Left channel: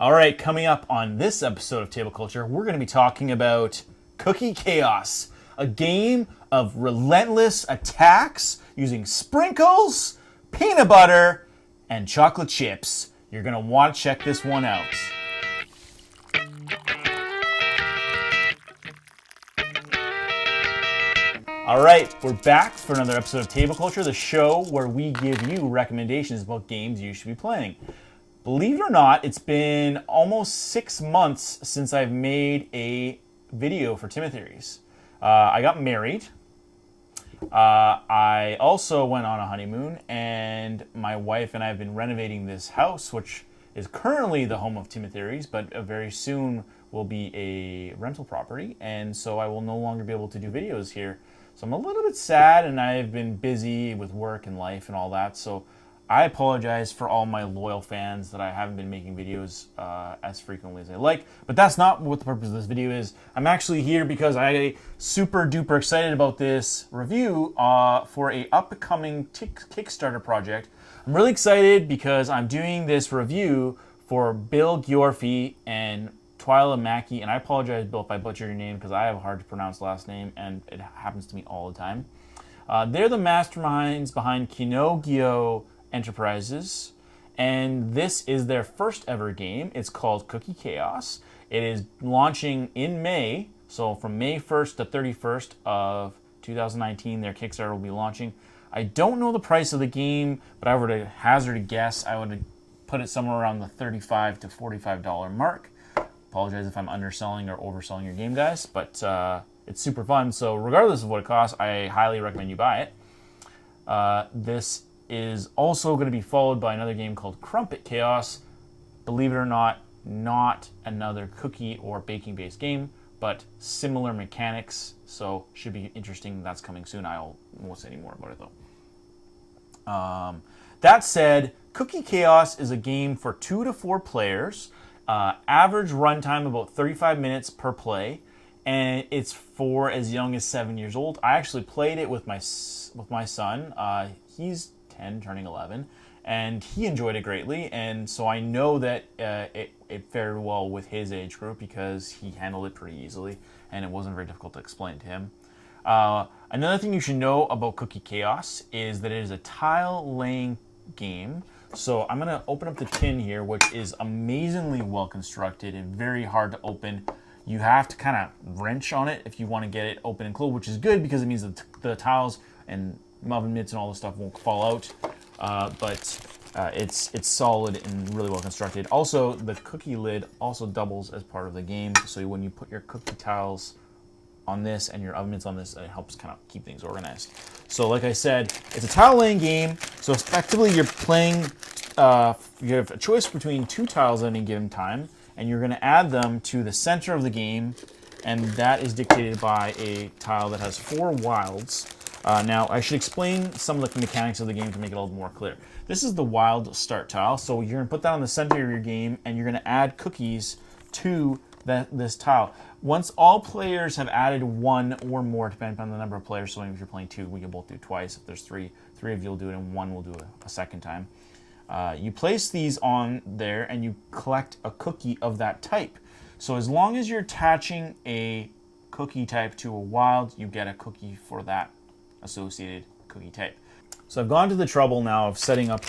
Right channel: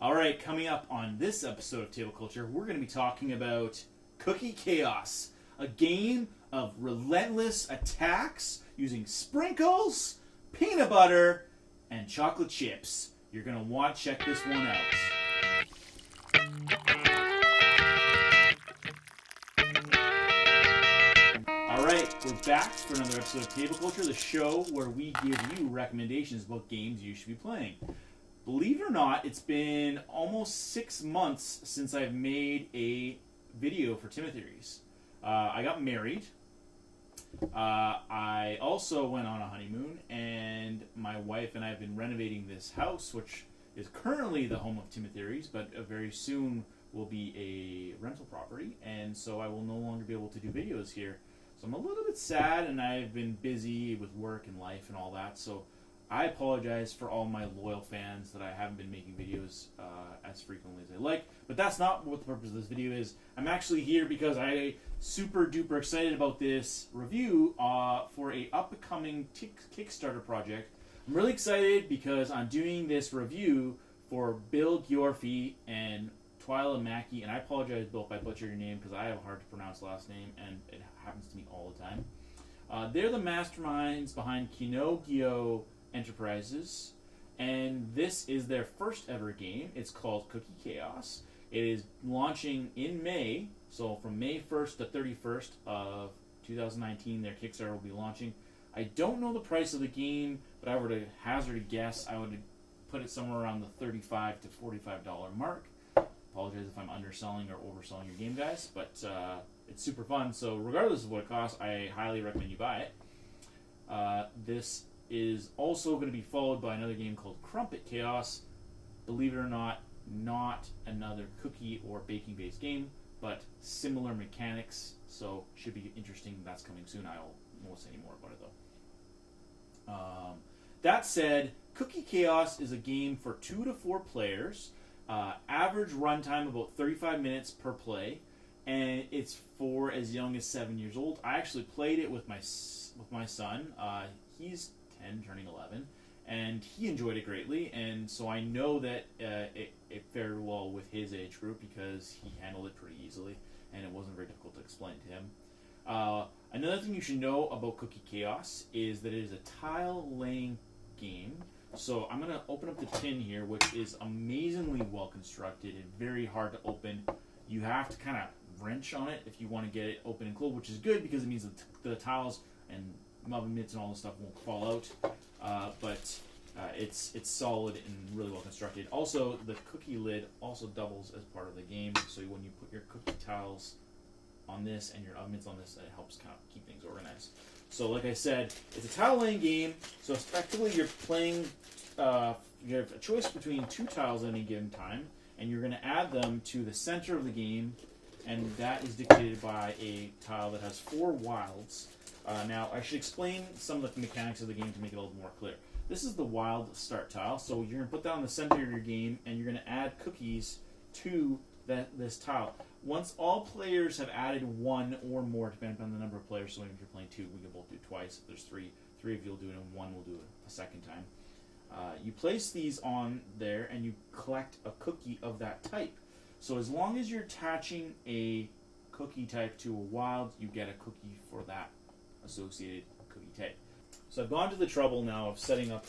All right, coming up on this episode of Table Culture, we're going to be talking about Cookie Chaos, a game of relentless attacks using sprinkles, peanut butter, and chocolate chips. You're going to want to check this one out. All right, we're back for another episode of Table Culture, the show where we give you recommendations about games you should be playing. Believe it or not, it's been almost 6 months since I've made a video for timotheories. I got married. I also went on a honeymoon, and my wife and I have been renovating this house, which is currently the home of timotheories, but very soon will be a rental property, and so I will no longer be able to do videos here. So I'm a little bit sad, and I've been busy with work and life and all that, so I apologize for all my loyal fans that I haven't been making videos as frequently as I like, but that's not what the purpose of this video is. I'm actually here because I'm super duper excited about this review for a upcoming Kickstarter project. I'm really excited because I'm doing this review for Bill Giorfi and Twyla Mackey, and I apologize, Bill, if I butchered your name because I have a hard to pronounce last name, and it happens to me all the time. They're the masterminds behind Knogyo Enterprises, and this is their first ever game. It's called Cookie Chaos. It is launching in May, so from May 1st to 31st of 2019, their Kickstarter will be launching. I don't know the price of the game, but I were to hazard a guess, I would put it somewhere around the $35 to $45 mark. Apologize if I'm underselling or overselling your game, guys, but it's super fun, so regardless of what it costs, I highly recommend you buy it. This is also going to be followed by another game called Crumbling Chaos. Believe it or not another cookie or baking based game, but similar mechanics, so should be interesting. That's coming soon. I won't say any more about it though. That said, Cookie Chaos is a game for 2 to 4 players, average runtime about 35 minutes per play, and it's for as young as 7 years old. I actually played it with my son. He's 10, turning 11, and he enjoyed it greatly, and so I know that it fared well with his age group because he handled it pretty easily, and it wasn't very difficult to explain to him. Another thing you should know about Cookie Chaos is that it is a tile-laying game. So I'm going to open up the tin here, which is amazingly well constructed and very hard to open. You have to kind of wrench on it if you want to get it open and closed, which is good because it means that the tiles and oven mitts and all this stuff won't fall out, but it's solid and really well constructed. Also, the cookie lid also doubles as part of the game, so when you put your cookie tiles on this and your oven mitts on this, it helps kind of keep things organized. So like I said, it's a tile laying game, so effectively you're playing, you have a choice between 2 tiles at any given time, and you're going to add them to the center of the game, and that is dictated by a tile that has 4 wilds. Now, I should explain some of the mechanics of the game to make it a little more clear. This is the wild start tile, so you're going to put that on the center of your game, and you're going to add cookies to this tile. Once all players have added 1 or more, depending on the number of players, so if you're playing 2, we can both do it twice. If there's 3 of you will do it, and 1 will do it a second time. You place these on there, and you collect a cookie of that type. So as long as you're attaching a cookie type to a wild, you get a cookie for that associated cookie type. So I've gone to the trouble now of setting up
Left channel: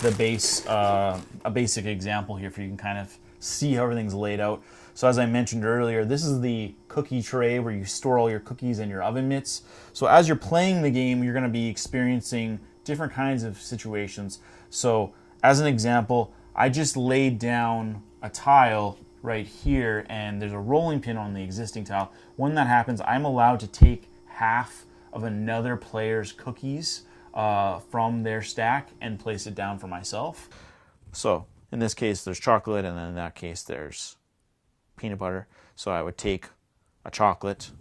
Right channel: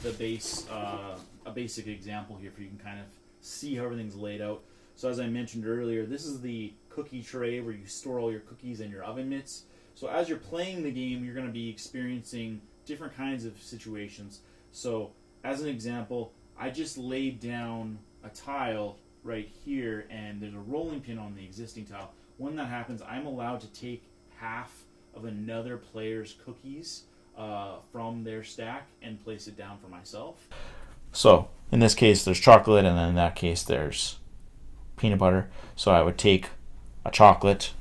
the base, a basic example here for you can kind of see how everything's laid out. So as I mentioned earlier, this is the cookie tray where you store all your cookies and your oven mitts. So as you're playing the game, you're going to be experiencing different kinds of situations. So as an example, I just laid down a tile right here, and there's a rolling pin on the existing tile. When that happens, I'm allowed to take half of another player's cookies from their stack and place it down for myself. So in this case there's chocolate, and then in that case there's peanut butter. So I would take a chocolate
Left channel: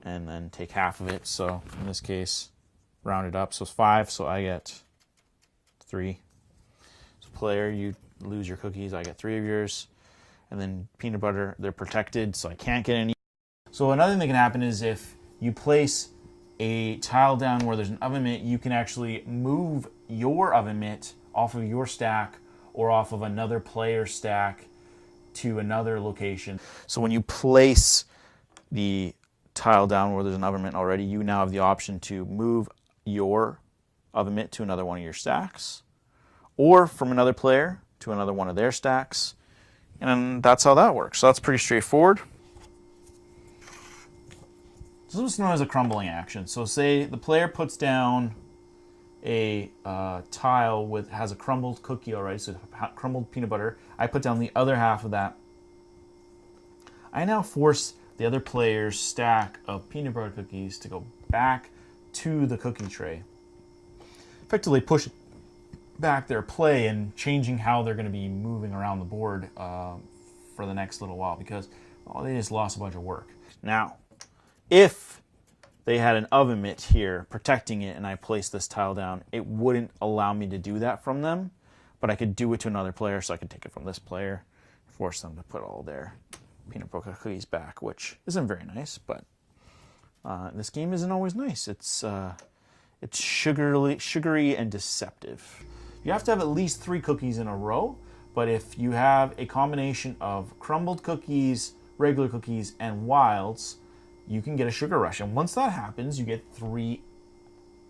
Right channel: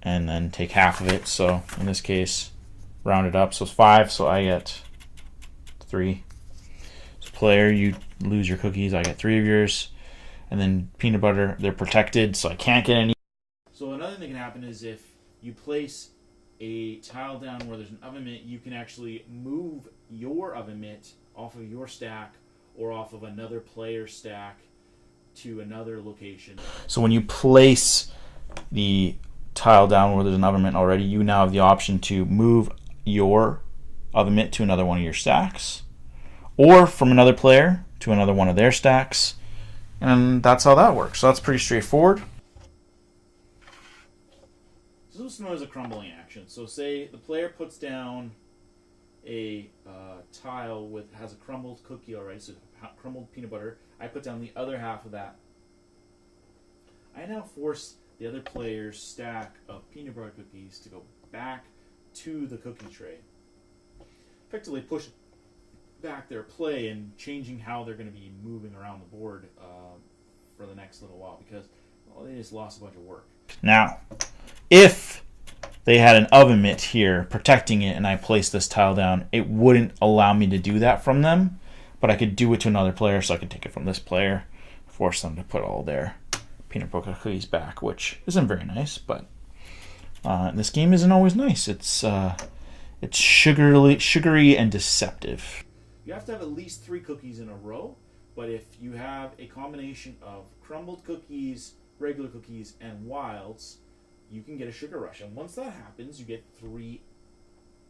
and then take half of it. So in this case, round it up, so it's 5, so I get 3. So player, you lose your cookies, I get 3 of yours. And then peanut butter, they're protected, so I can't get any. So another thing that can happen is if you place a tile down where there's an oven mitt, you can actually move your oven mitt off of your stack or off of another player stack to another location. So when you place the tile down where there's an oven mitt already, you now have the option to move your oven mitt to another one of your stacks, or from another player to another one of their stacks, and that's how that works. So that's pretty straightforward. This is known as a crumbling action. So say the player puts down a tile has a crumbled cookie already, so crumbled peanut butter. I put down the other half of that. I now force the other player's stack of peanut butter cookies to go back to the cookie tray. Effectively push back their play and changing how they're going to be moving around the board for the next little while, because they just lost a bunch of work. Now, if they had an oven mitt here protecting it and I placed this tile down, it wouldn't allow me to do that from them, but I could do it to another player. So I could take it from this player, force them to put all their peanut butter cookies back, which isn't very nice, but this game isn't always nice. It's sugary and deceptive. You have to have at least 3 cookies in a row, but if you have a combination of crumbled cookies, regular cookies, and wilds, you can get a sugar rush. And once that happens, you get 3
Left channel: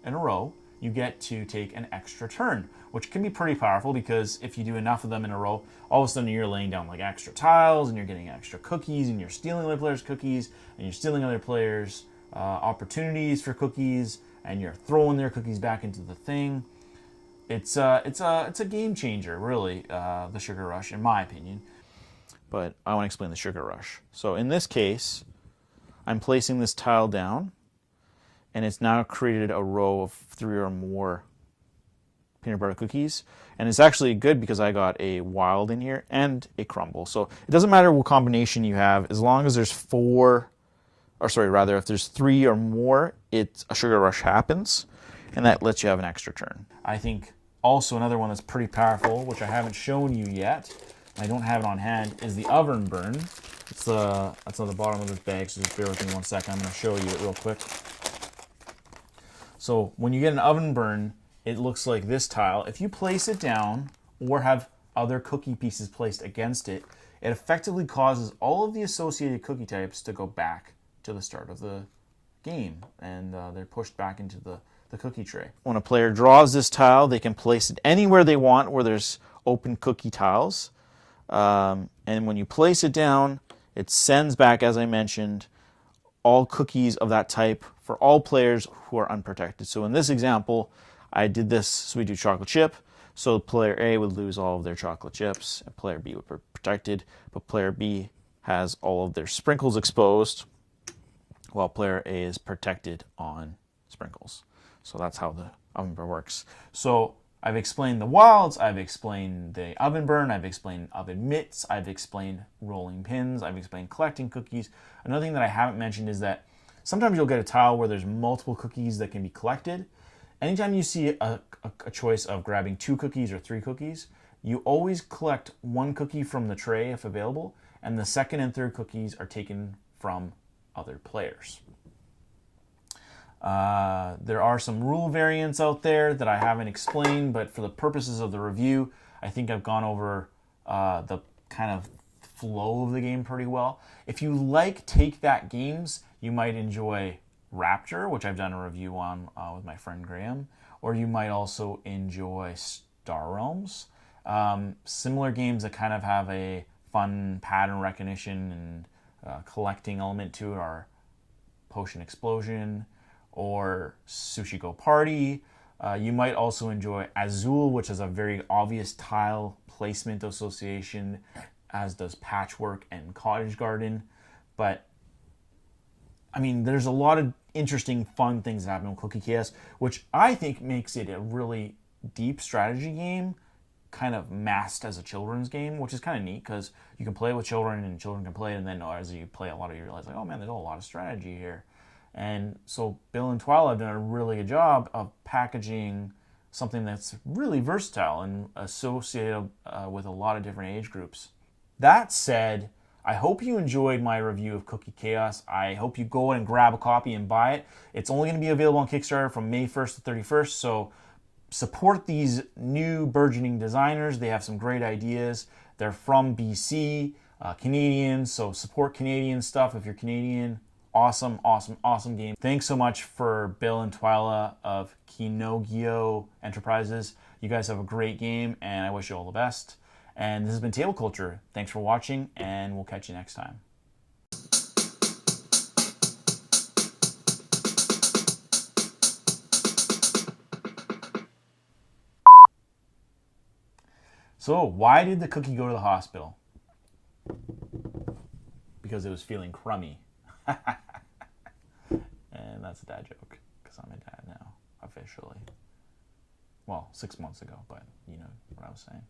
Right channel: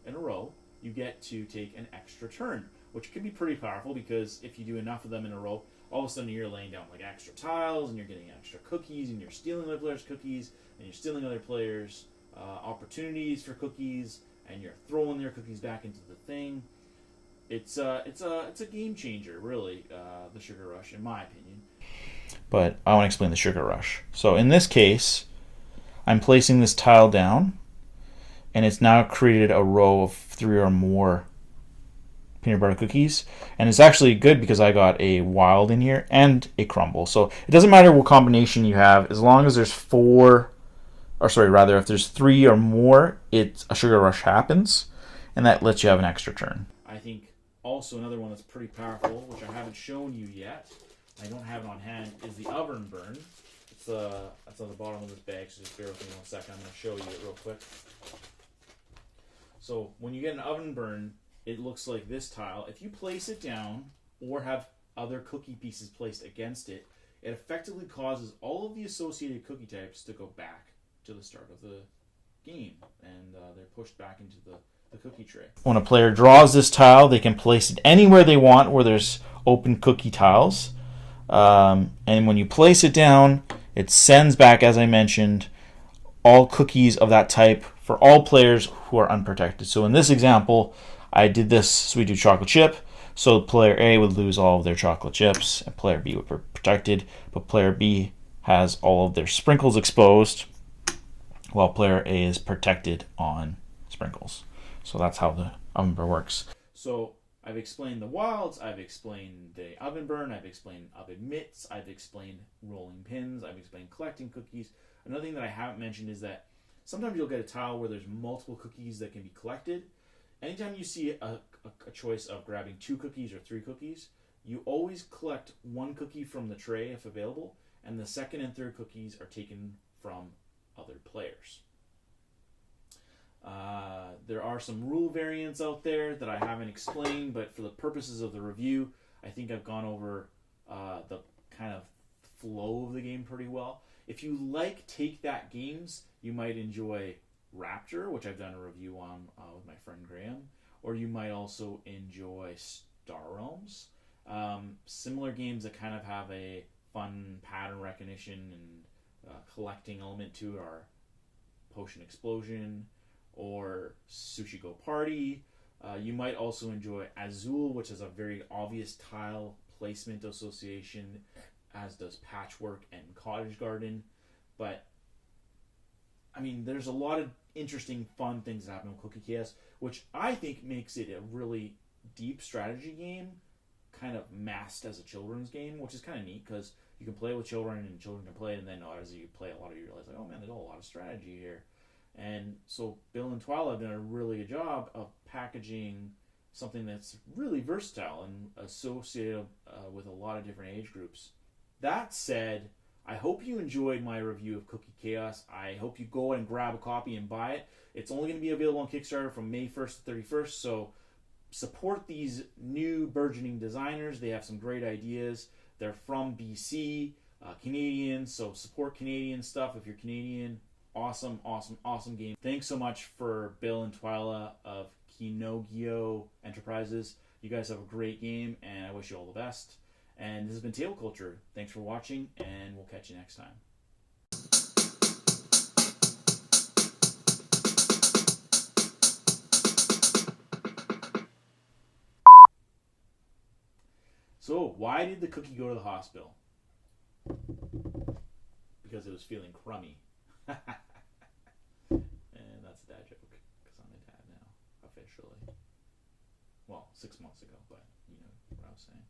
in a row, you get to take an extra turn, which can be pretty powerful, because if you do enough of them in a row, all of a sudden you're laying down like extra tiles, and you're getting extra cookies, and you're stealing other players' cookies, and you're stealing other players' opportunities for cookies, and you're throwing their cookies back into the thing. It's a game changer, really, the sugar rush, in my opinion. But I want to explain the sugar rush. So in this case, I'm placing this tile down, and it's now created a row of 3 or more peanut butter cookies. And it's actually good because I got a wild in here and a crumble. So it doesn't matter what combination you have, as long as there's if there's 3 or more, a sugar rush happens, and that lets you have an extra turn. I think also another one that's pretty powerful, which I haven't shown you yet, I don't have it on hand, is the oven burn. That's on the bottom of this bag, so just bear with me 1 second. I'm going to show you it real quick. So when you get an oven burn, it looks like this tile. If you place it down or have other cookie pieces placed against it, it effectively causes all of the associated cookie types to go back to the start of the game, and they're pushed back into the cookie tray. When a player draws this tile, they can place it anywhere they want where there's open cookie tiles. And when you place it down, it sends back, as I mentioned, all cookies of that type for all players who are unprotected. So in this example, I did this, so we do chocolate chip. So player A would lose all of their chocolate chips, and player B would be protected, but player B has all of their sprinkles exposed, while player A is protected on sprinkles. So that's how the oven burn works. So I've explained the wilds, I've explained the oven burn, I've explained oven mitts, I've explained rolling pins, I've explained collecting cookies. Another thing that I haven't mentioned is that sometimes you'll get a tile where there's multiple cookies that can be collected. Anytime you see a choice of grabbing 2 cookies or 3 cookies, you always collect 1 cookie from the tray if available, and the second and third cookies are taken from other players. There are some rule variants out there that I haven't explained, but for the purposes of the review, I think I've gone over the kind of flow of the game pretty well. If you like take-that games, you might enjoy Rapture, which I've done a review on with my friend Graham, or you might also enjoy Star Realms. Similar games that kind of have a fun pattern recognition and collecting element to it are Potion Explosion or Sushi Go Party. You might also enjoy Azul, which has a very obvious tile placement association, as does Patchwork and Cottage Garden. But I mean, there's a lot of interesting, fun things that happen in Cookie Chaos, which I think makes it a really deep strategy game, kind of masked as a children's game, which is kind of neat because you can play with children and children can play, and then as you play a lot of you realize, like, oh man, there's a lot of strategy here. And so Bill and Twyla have done a really good job of packaging something that's really versatile and associated with a lot of different age groups. That said, I hope you enjoyed my review of Cookie Chaos. I hope you go and grab a copy and buy it. It's only going to be available on Kickstarter from May 1st to 31st, so support these new burgeoning designers. They have some great ideas. They're from BC, Canadians, so support Canadian stuff if you're Canadian. Awesome, awesome, awesome game. Thanks so much for Bill and Twyla of Knogyo Enterprises. You guys have a great game, and I wish you all the best. And this has been Table Culture. Thanks for watching, and we'll catch you next time. So, why did the cookie go to the hospital? Because it was feeling crummy. And that's a dad joke, because I'm a dad now, officially. Well, 6 months ago, but you know what I was saying.